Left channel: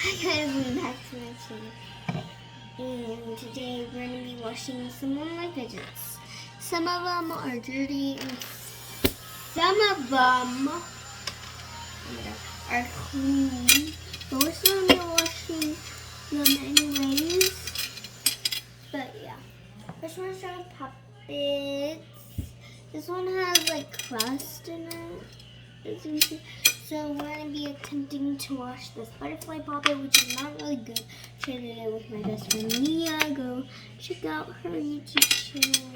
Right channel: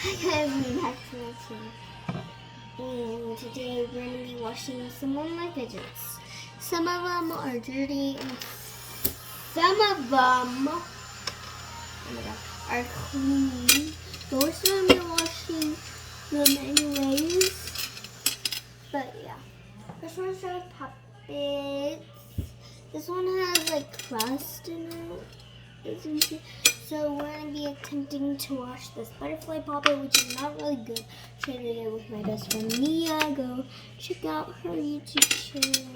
Hi guys, and back to my channel. And today we're going to be washing some of my fidgets. Some of them are dirty and some of them are clean. Most of them are washing them anyways. But yeah. This one's our puppets. This one has like crust in it. As you can see. So we're going to be attempting to wash this butterfly puppet, which is not really good. Shared it with my best friend Mia. Go check out her YouTube channel.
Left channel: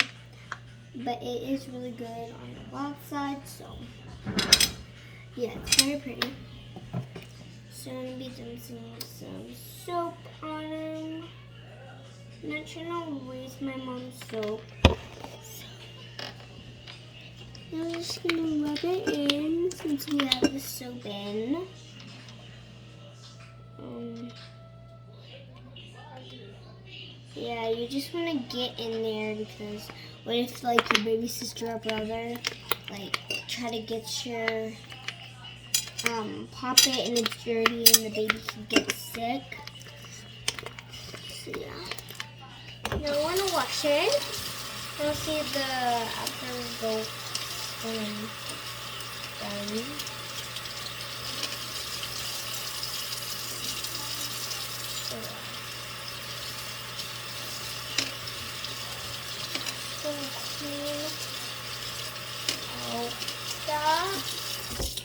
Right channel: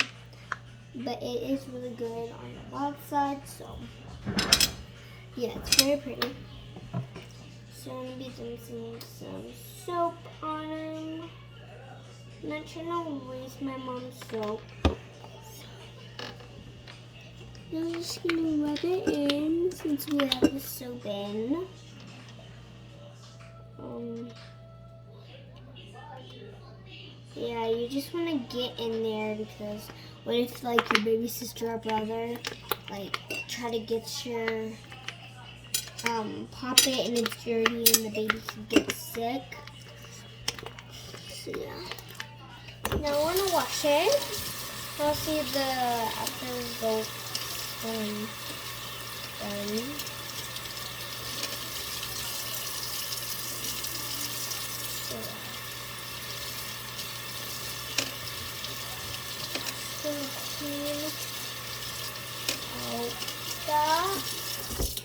But it is really good on the wild side, so yeah, it's very pretty. So I'm going to be rinsing some soap on him. I'm not trying to waste my mom's soap. Now we're just going to rub it in since we have the soap in. Yeah, you just want to get in there because what if like your baby sister or brother like try to get your puppet and it's dirty and the baby can get sick. So yeah. Now I want to wash it. I'll see the after results. Done. So, clean out that.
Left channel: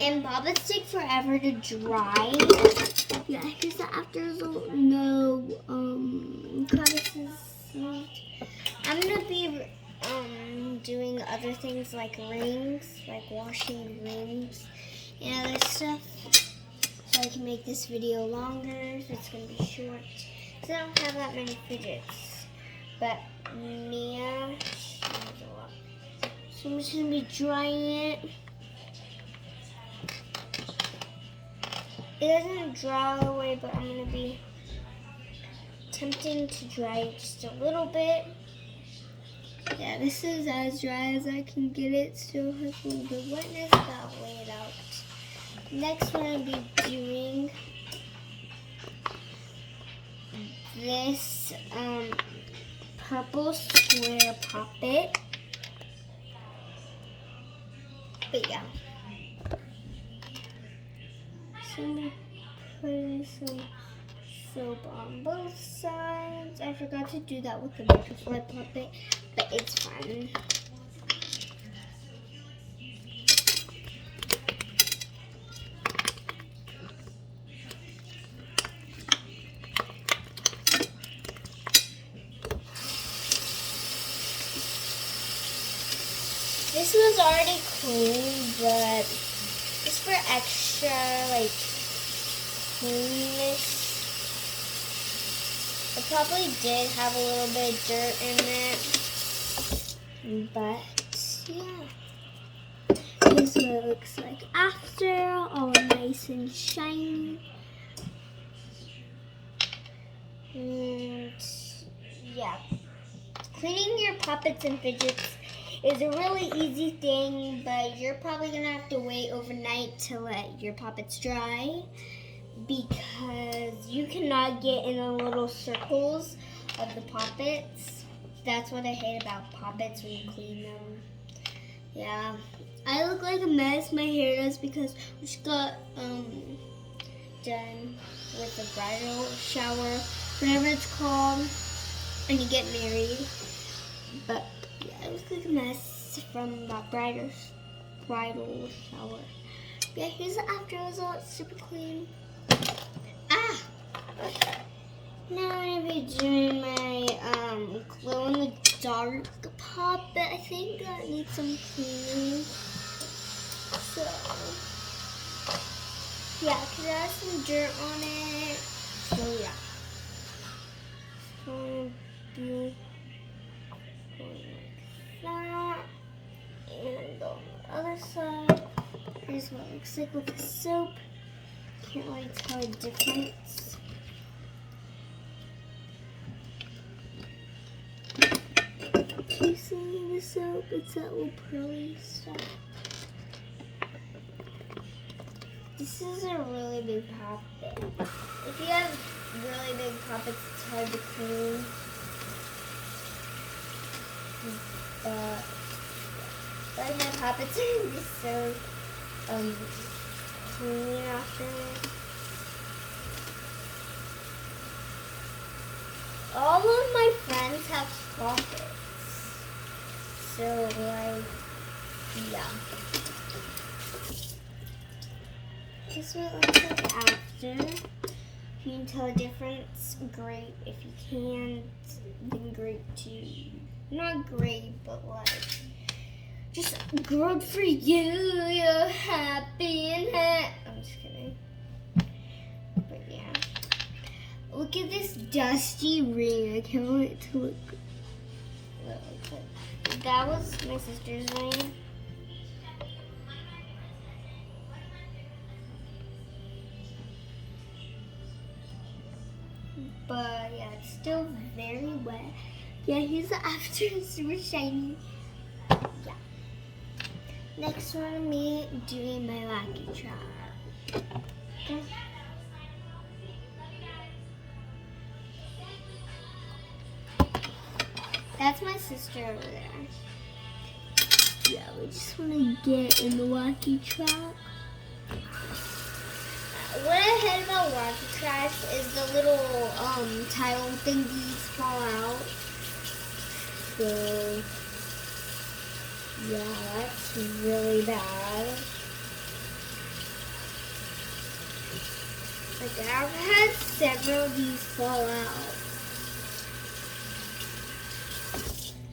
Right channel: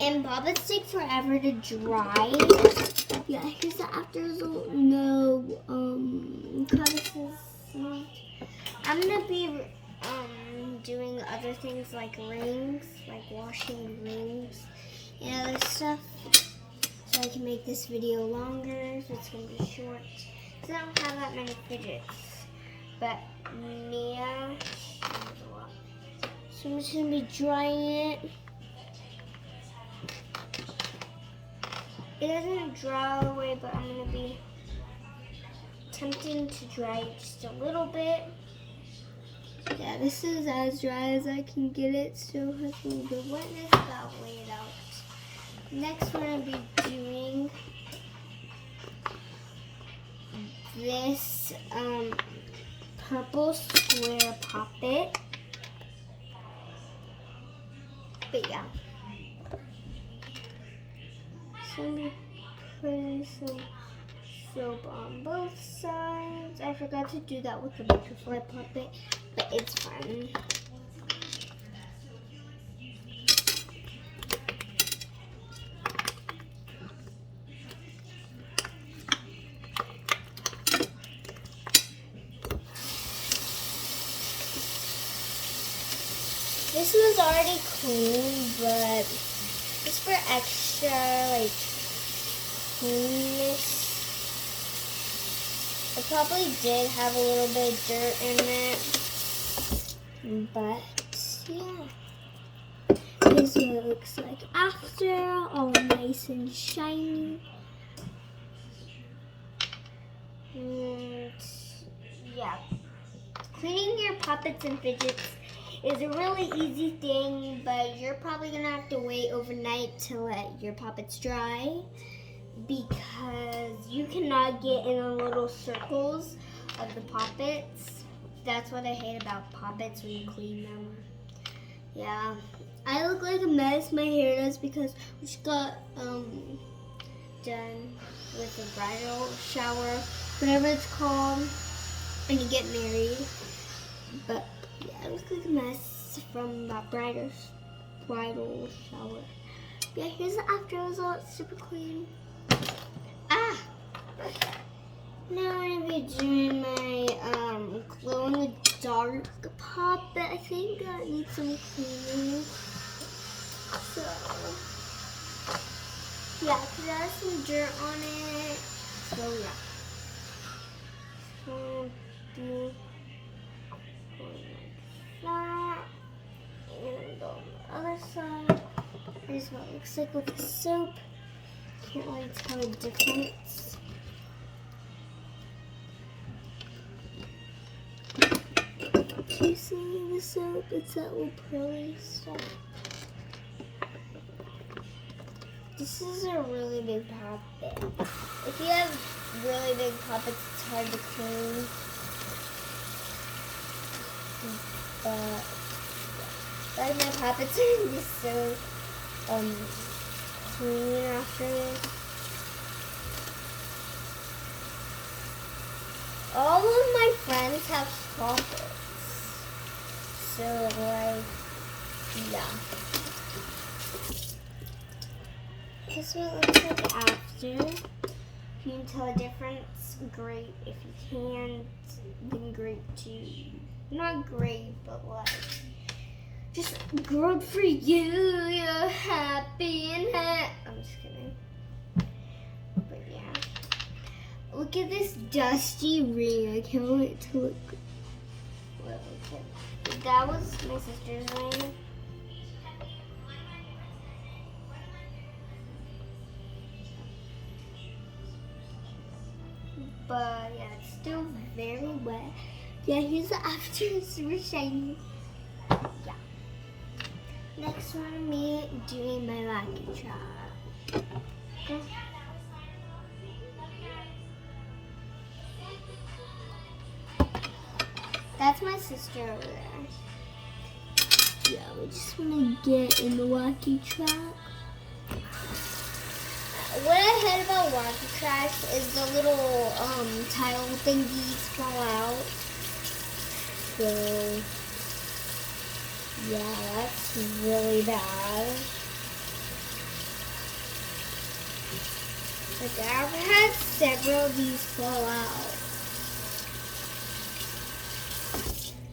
And bobbits take forever to dry. Yeah, here's the after result. No crevices. I'm gonna be doing other things like rings, like washing rings and other stuff. So I can make this video longer, so it's gonna be short. So I don't have that many fidgets. But Mia, she has a lot. So I'm just gonna be drying it. It doesn't dry all the way, but I'm gonna be attempting to dry it just a little bit. Yeah, this is as dry as I can get it. Still has a little bit of wetness, but I'll lay it out. Next, we're going to be doing this purple square puppet. But yeah. So I'm going to put some soap on both sides. I forgot to do that with the butterfly puppet, but it's fun. This was already clean, but just for extra like cleanness, it probably did have a little bit of dirt in it, but yeah. Here's what it looks like after, all nice and shiny. And yeah, cleaning your puppets and fidgets is a really easy thing, but you're probably gonna have to wait overnight to let your puppets dry because you cannot get in the little circles of the puppets. That's what I hate about puppets when you clean them. Yeah, I look like a mess. My hair does because we just got done with the bridal shower, whatever it's called, when you get married. But yeah, I look like a mess from that bridal shower. Yeah, here's the after result, super clean. Now I'm gonna be doing my glow in the dark puppet. I think that needs some cleaning. So yeah, because there has some dirt on it. So yeah. So do that. And on the other side, here's what it looks like with the soap. Can't really tell the difference. Do you see the soap? It's that little pearly stuff. This is a really big big. If you have really big puppets, it's hard to clean. But like my puppets are just so clean afterwards. All of my friends have puppets. So like, yeah. This is what it looks like after. If you can tell the difference, great. If you can't, then great too. Not great, but like, just good for you. You're happy and I'm just kidding. But yeah. Look at this dusty ring. I can't wait to look. Well, okay. That was my sister's ring. But yeah, it's still very wet. Yeah, here's the after. It's super shiny. Yeah. Next one, me doing my lucky trap. Okay. That's my sister over there. Yeah, we just want to get in the wacky trap. What I hate about wacky traps is the little title thingies fall out. So yeah, that's really bad. Like I've had several of these fall out.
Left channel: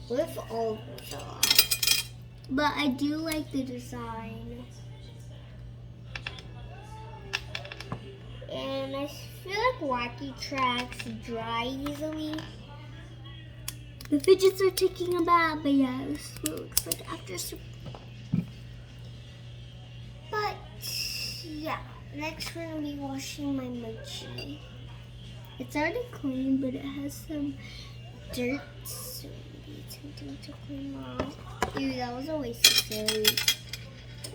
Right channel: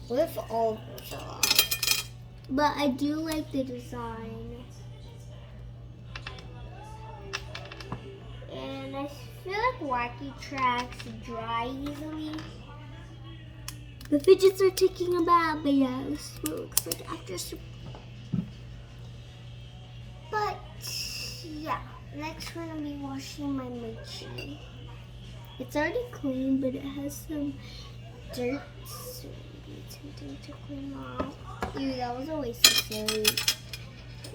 What if all of them fall out? But I do like the design. And I feel like wacky tracks dry easily. The fidgets are taking a bath, but yeah, this is what it looks like after. But yeah, next we're gonna be washing my mochi. It's already clean, but it has some dirt, so maybe it's tempting to clean off. Ew, that was a waste of soap.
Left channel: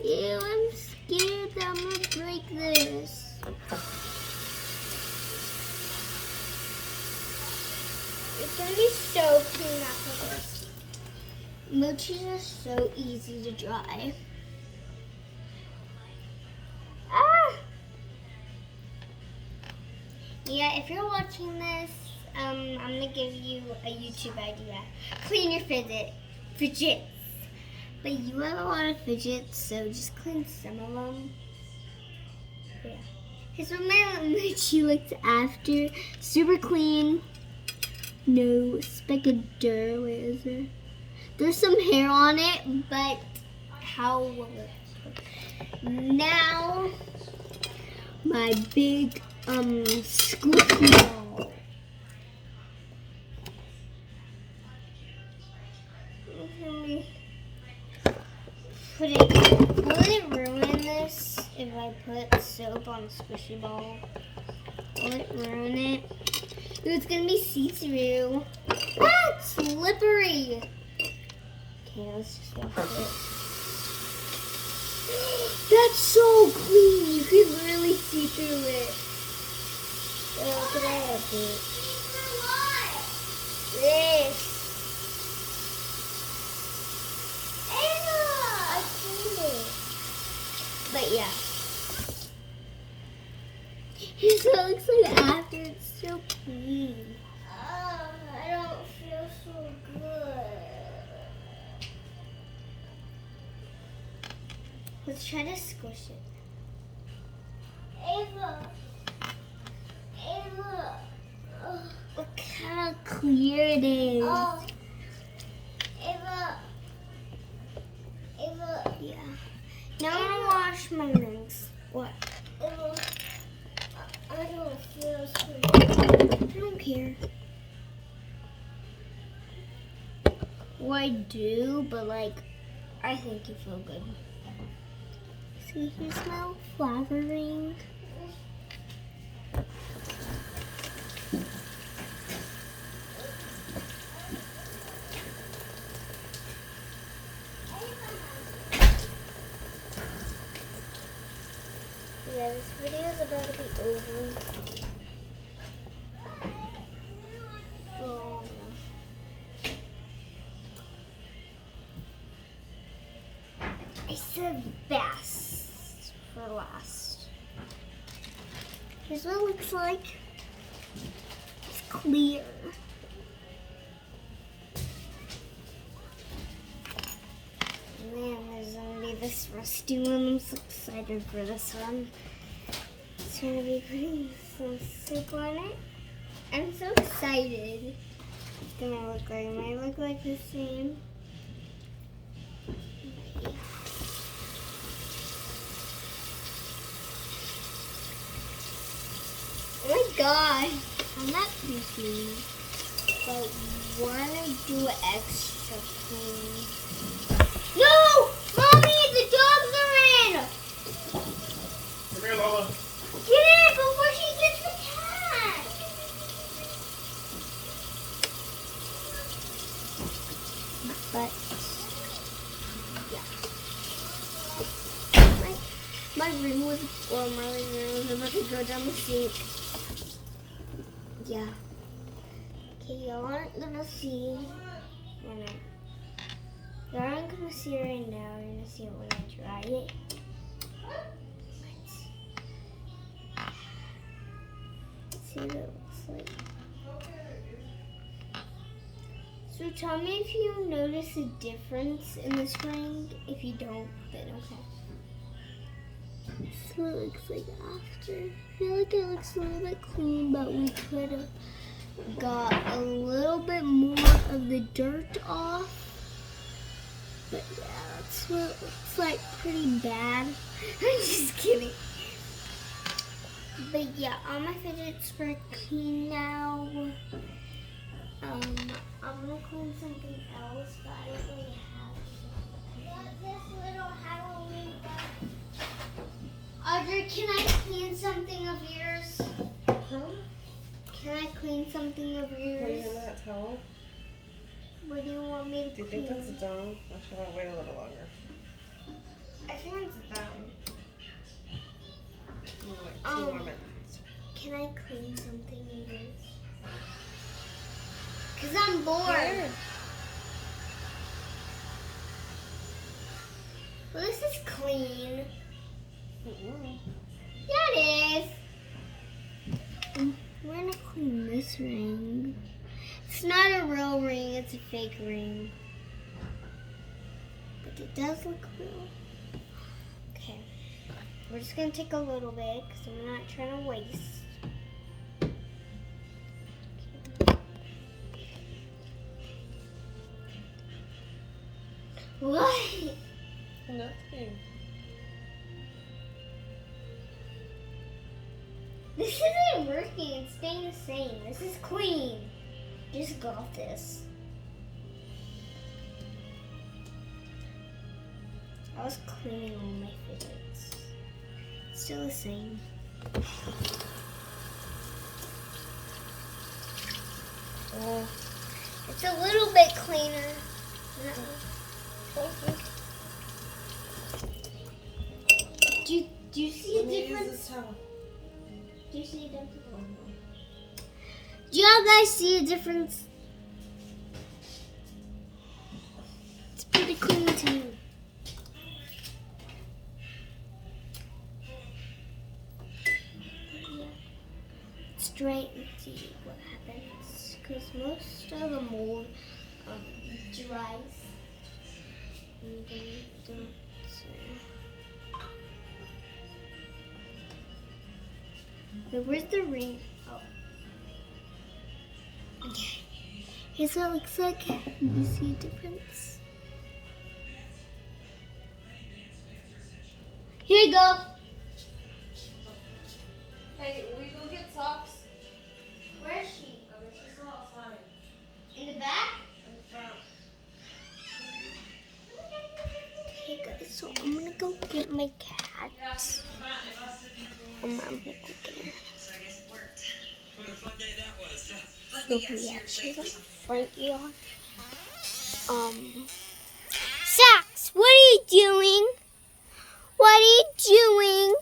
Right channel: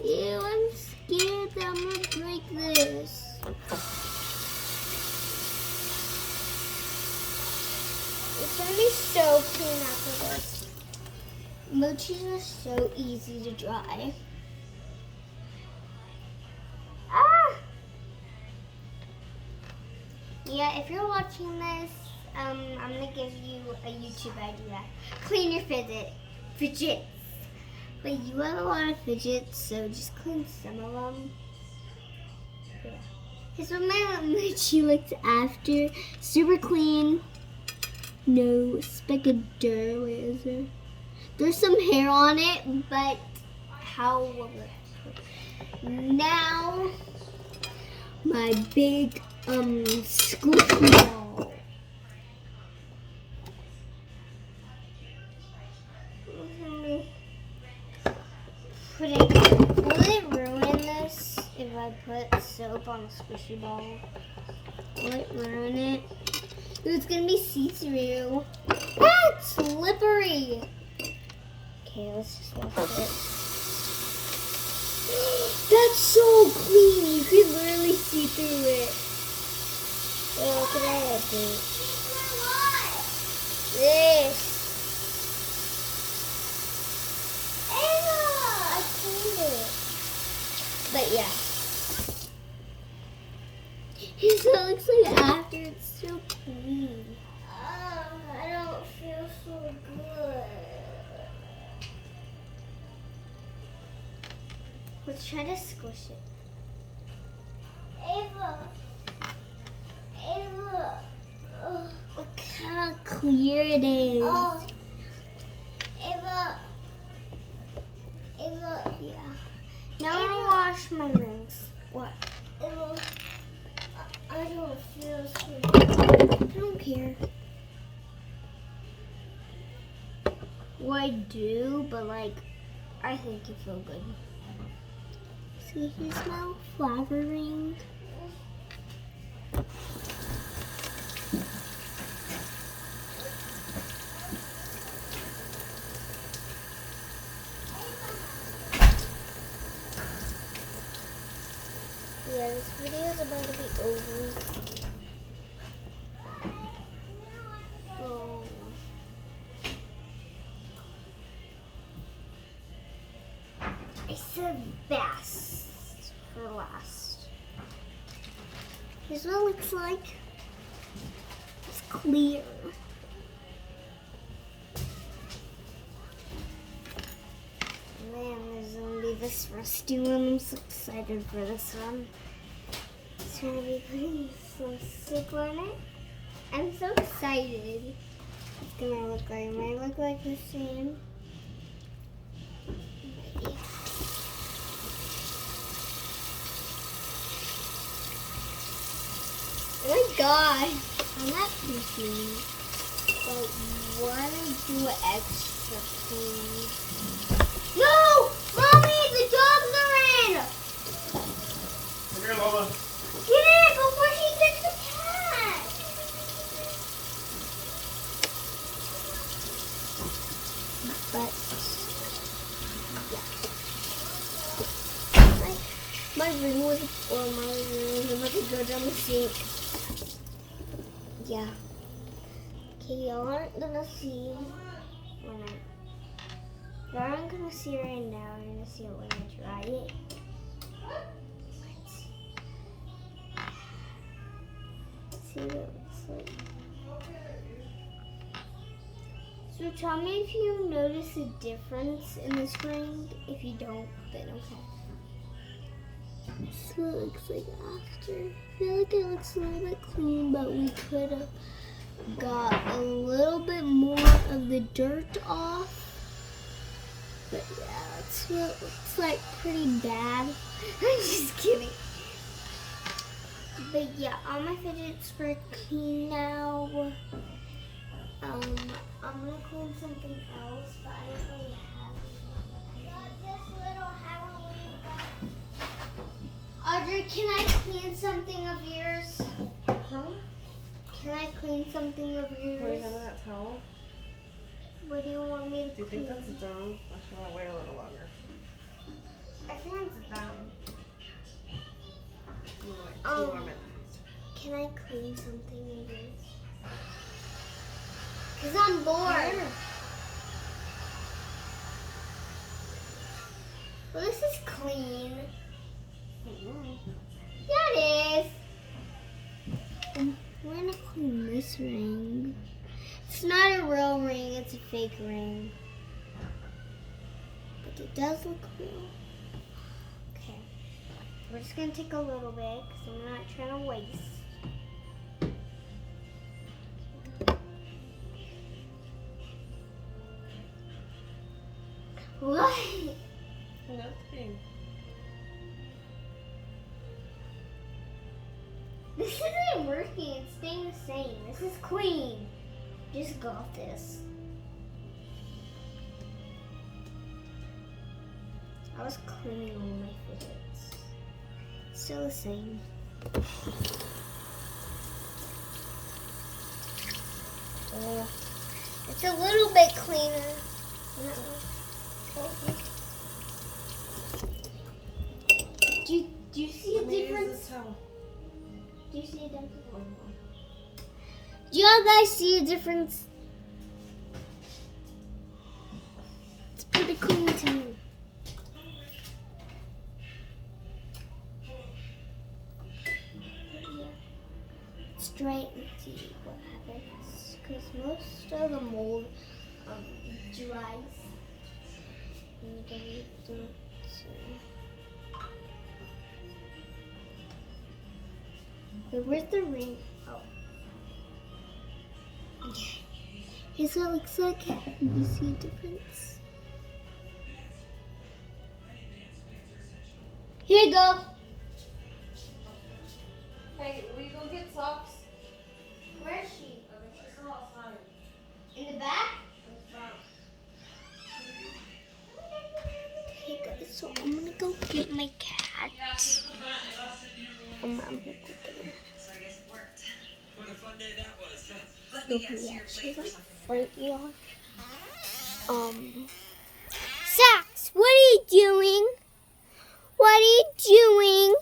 Ew, I'm scared that I'm gonna break this. It's gonna be so clean after this. Mochis are so easy to dry. Ah! Yeah, if you're watching this, I'm gonna give you a YouTube idea. Clean your fidgets. But you have a lot of fidgets, so just clean some of them. Yeah. Here's what my mochi looks after. Super clean. No speck of dirt. Where is there? There's some hair on it, but how will it? Now, my big squishy ball. Will it ruin this if I put soap on a squishy ball? Will it ruin it? Ooh, it's gonna be see-through. Ah, it's slippery. Okay, let's just wash it. That's so clean. You could literally see through it. Oh, could I have it? This. I cleaned it. But yeah. Here's what it looks like after. It's so clean. I don't feel so good. Let's try to squish it. Ava. Look how clear it is. Oh. Ava. Yeah. Now I'm gonna wash my rings. What? I don't feel so good. I don't care. Well, I do, but like, I think you feel good. See, here's my flower ring. Yeah, this video is about to be over the best for last. Here's what it looks like. It's clear. Man, there's gonna be this rusty one. I'm so excited for this one. It's gonna be putting some soup on it. I'm so excited. It's gonna look like, it might look like the same. Oh my god, I'm not confused. But wanna do extra clean. No! Mommy, the dogs are in! Come here, Lola. Get it before she gets the cat! But, yeah. My ring was about to go down the sink. Yeah. Okay, y'all aren't gonna see. Or not. Y'all aren't gonna see it right now. You're gonna see it when I try it. See what it looks like. So tell me if you notice a difference in this ring. If you don't, then okay. This is what it looks like after. I feel like it looks a little bit clean, but we could have got a little bit more of the dirt off. But yeah, that's what it looks like. Pretty bad. I'm just kidding. But yeah, all my fidgets are clean now. I'm gonna clean something else, but I don't really have this little Halloween. Audrey, can I clean something of yours? Huh? Can I clean something of What do you yours? have that towel? What do you want me to Do you clean? think that's done? Or should I wait a little longer? I think it's done. Like 2 Um, more minutes. Can I clean something of yours? Because I'm bored. Here. Well, this is clean. Mm-mm. Yeah, it is. We're gonna clean this ring. It's not a real ring, it's a fake ring. But it does look real. Okay. We're just gonna take a little bit because I'm not trying to waste. What? Nothing. This isn't working. It's staying the same. This is clean. Just got this. I was cleaning all my fidgets. Still the same. Oh, it's a little bit cleaner. Do you see a difference? Do you see a difference? Do y'all guys see a difference? It's pretty clean too. Let's try it and see what happens. Because most of the mold dries. And then don't Wait, where's the ring? Oh. Okay. Here's what it looks like. You see a difference? Here you go. Hey, will you go get socks? Where is she? She's still outside. In the back? In front. Okay guys, so I'm gonna go get my cat. I'm gonna go get her. So yeah, she's like front yard. Sax, what are you doing? What are you doing?